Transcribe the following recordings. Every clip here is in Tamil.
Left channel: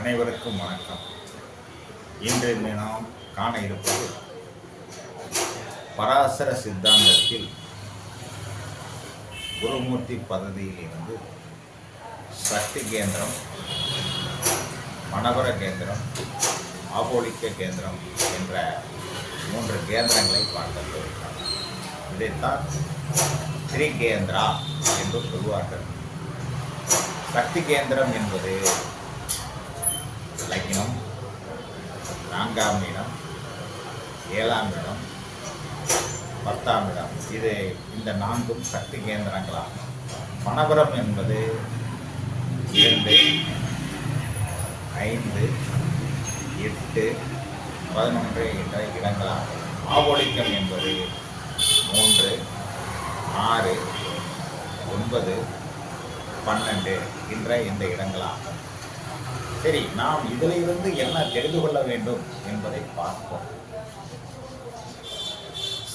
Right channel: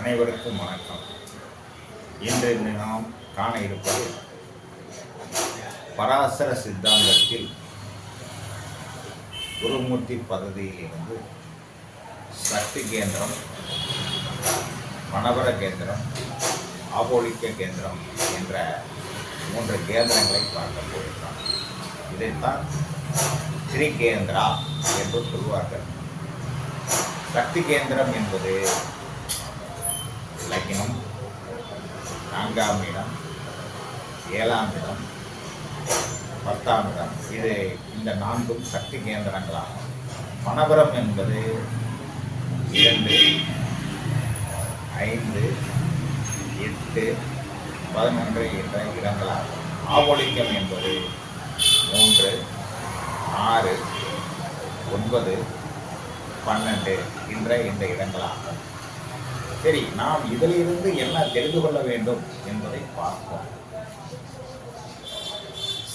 அனைவருக்கும் வணக்கம். இன்று நாம் காண இருப்பது பராசர சித்தாந்தத்தில் குருமூர்த்தி பதவியிலிருந்து சக்தி கேந்திரம் மணவர கேந்திரம் ஆபோலிக்க கேந்திரம் என்ற மூன்று கேந்திரங்களை பார்க்க போகிறோம். இதைத்தான் திரிகேந்திரா என்று சொல்வார்கள். சக்தி கேந்திரம் என்பது லக்னம் நான்காம் இடம் ஏழாம் இடம் பத்தாம் இடம். இது இந்த நான்கும் சக்தி கேந்திரங்களாகும். மணபுரம் என்பது இரண்டு ஐந்து எட்டு பதினொன்று என்ற இடங்களாகும். ஆவோலிக்கம் என்பது மூன்று ஆறு ஒன்பது பன்னெண்டு என்ற இந்த இடங்களாகும். சரி நாம் இதிலிருந்து என்ன தெரிந்து கொள்ள வேண்டும் என்பதை பார்ப்போம்.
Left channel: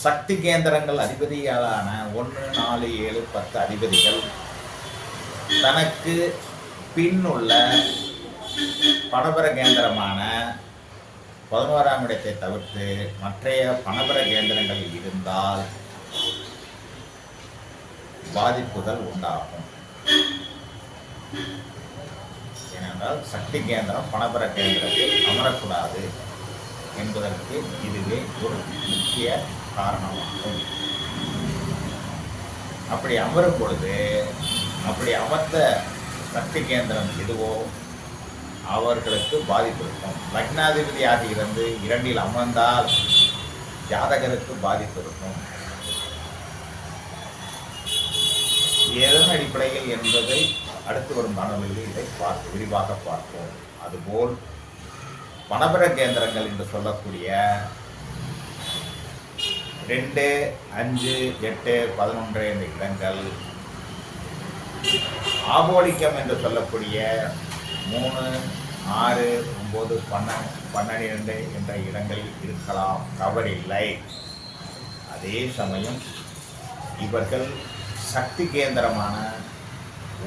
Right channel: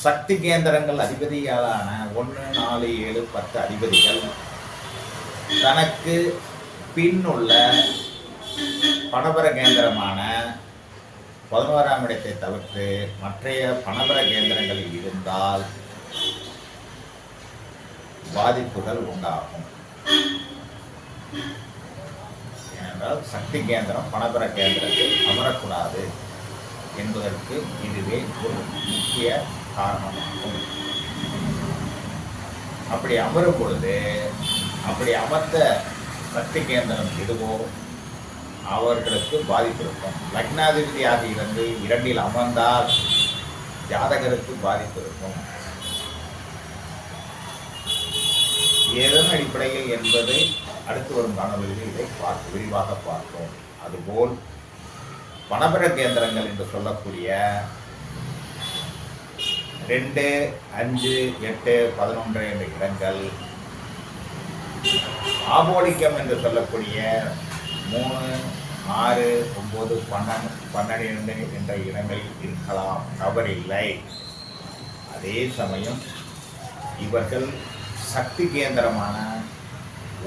சக்தி கேந்திரங்கள் அதிபதிகளான ஒன்று நாலு ஏழு பத்து அதிபதிகள் தனக்கு பின் உள்ள பணபர கேந்திரமான பதினோராம் இடத்தை தவிர்த்து மற்றைய பணபர கேந்திரங்களில் இருந்தால் பாதிப்புகள் உண்டாகும். ஏனென்றால் சக்தி கேந்திரம் பணபர கேந்திரத்தில் அமரக்கூடாது என்பதற்கு இதுவே ஒரு முக்கிய காரணமாகும். அப்படி அமரும் பொழுது அப்படி அமர்ந்த சக்தி கேந்திரம் எதுவோ அவர்களுக்கு பாதிப்பு இருக்கும். லக்னாதிபதியாக இருந்து இரண்டில் அமர்ந்தால் ஜாதகருக்கு பாதிப்பு இருக்கும். எதன் அடிப்படையில் என்பதை அடுத்து வரும் காணொலியில் இதை பார்த்து விரிவாக பார்ப்போம். அதுபோல் பணபர கேந்திரங்கள் என்று சொல்லக்கூடிய ரெண்டு அஞ்சு எட்டு பதினொன்று என்ற இடங்கள் ஆபோலிக்கம் என்று சொல்லக்கூடிய மூணு ஆறு ஒம்பது பன்னெண்டு பன்னெண்டு என்ற இடங்களில் இருக்கலாம். தவறில்லை. அதே சமயம் இவர்கள் சக்தி கேந்திரமான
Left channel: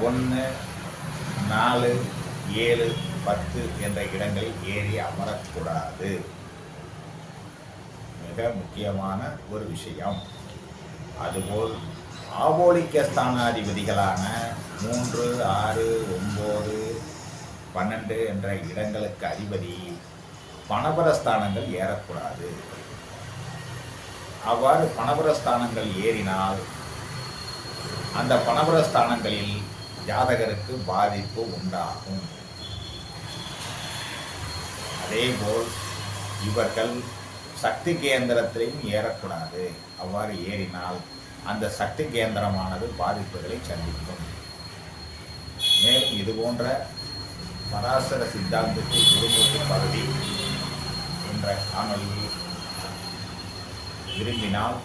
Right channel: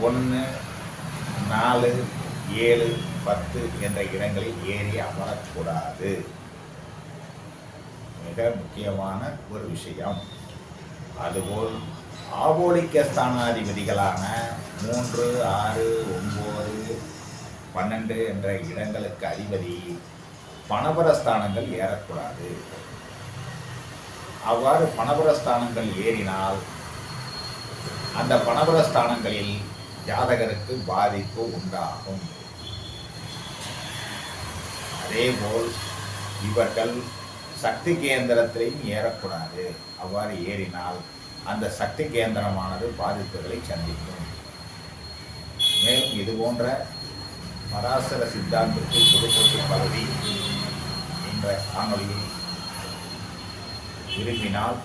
ஒன்று நாலு ஏழு பத்து என்ற இடங்களில் ஏறி அமரக்கூடாது. மிக முக்கியமான ஒரு விஷயம். அதுபோல் ஆபோலிக்க ஸ்தானாதிபதிகளான மூன்று ஆறு ஒம்பது பன்னெண்டு என்ற இடங்களுக்கு அதிபதி பணபரஸ்தானங்கள் ஏறக்கூடாது. அவ்வாறு பணபர ஸ்தானங்கள் ஏறினால் அந்த பணபுரஸ்தானங்களில் ஜாதகருக்கு பாதிப்பு உண்டாகும். அதேபோல் இவர்கள் சக்தி கேந்திரத்திலையும் ஏறக்கூடாது. அவ்வாறு ஏறினால் அந்த சக்தி கேந்திரமானது பாதிப்புகளை சந்திக்கும். மேலும் இது போன்ற பராசர சித்தாந்தத்தை குருமூர்த்தி பகுதி என்ற காணொலியை விரும்பினால்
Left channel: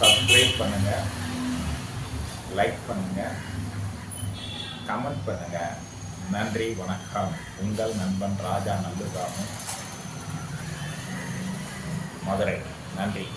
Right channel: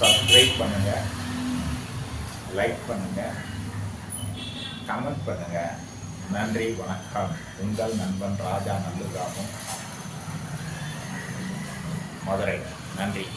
சப்ஸ்கிரைப் பண்ணுங்க. லைக் பண்ணுங்க. கமெண்ட் பண்ணுங்க. நன்றி வணக்கம். உங்கள் நண்பன் ராஜா நல்லுகாமம். மதுரை. நன்றி.